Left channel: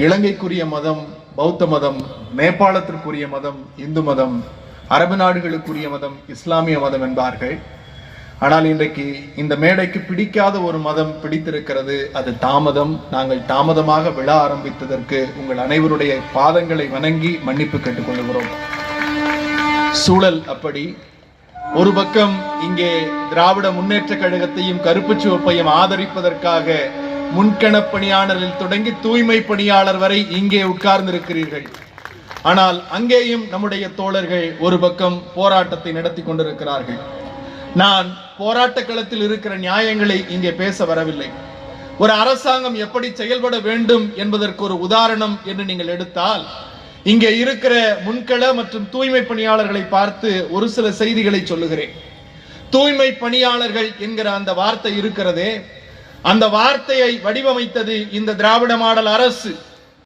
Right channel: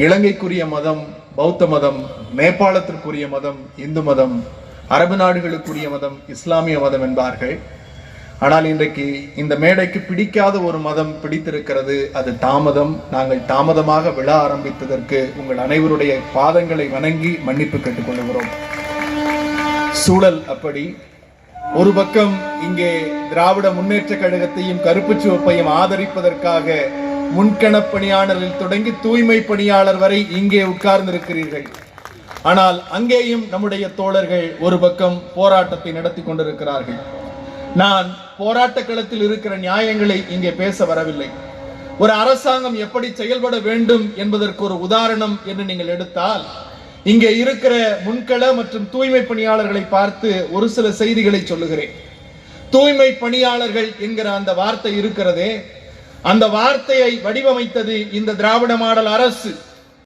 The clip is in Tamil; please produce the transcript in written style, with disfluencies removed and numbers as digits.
இலங்கைக்குரிய மதம் பௌத்த மதம், நேபாளத்திற்குரிய மதம் இந்து மதம், அரபு நாடுகளுக்குரிய மதம் இஸ்லாமிய மதம் என்பார்கள். ஆனால் இன்றைக்கு இந்த மேடைக்கு பிடிக்காத ஒரு மதம் பிடித்திருக்கிறது, அது தாமதம். நாங்கள் தாமதமாக விழா ஆரம்பித்ததற்கு உங்கள் அனைவருடைய பாதங்களை வணங்கி மன்னிப்பு கேட்டுக்கொள்கிறோம். சூழல் அப்படி. ஒரு பக்கம் இங்கே திராவிட முன்னேற்ற கழகத்தையும் கருப்பு சிவப்பையும் ஆதரிப்பதற்காக முன்கணப் பணியாளரில் தொடங்கி தூய்மை பணியாளர் வரை இங்கே உட்கார்ந்திருக்கிறீர்கள். ஆனால் அங்கேயும் நம்முடைய தோழர்கள் ஒரு பக்கம் போராட்டத்தை நடத்தி கொண்டிருக்கிறார்கள். நான் போராட்ட களத்தில் இருக்கிற நியாயங்களை இங்கே பேச வரவில்லை. ஒரு அரசாங்கம் எப்படி செயல்பட வேண்டும் என்பதற்கு ஒரு உதாரணம் என்று நீங்கள் எடுத்தால், இங்கே இருக்கிற முன்கள மற்றும் தூய்மை பணியாளர்களை பார்த்து ஒரு சில செய்திகளை சொல்லுகிறேன். தூய்மை பணியாளர்கள் என்கிற அந்த வார்த்தை இருக்கிறதே, அந்த வார்த்தையை வடிவமைத்தது இந்த திராவிட மாடல் அரசு.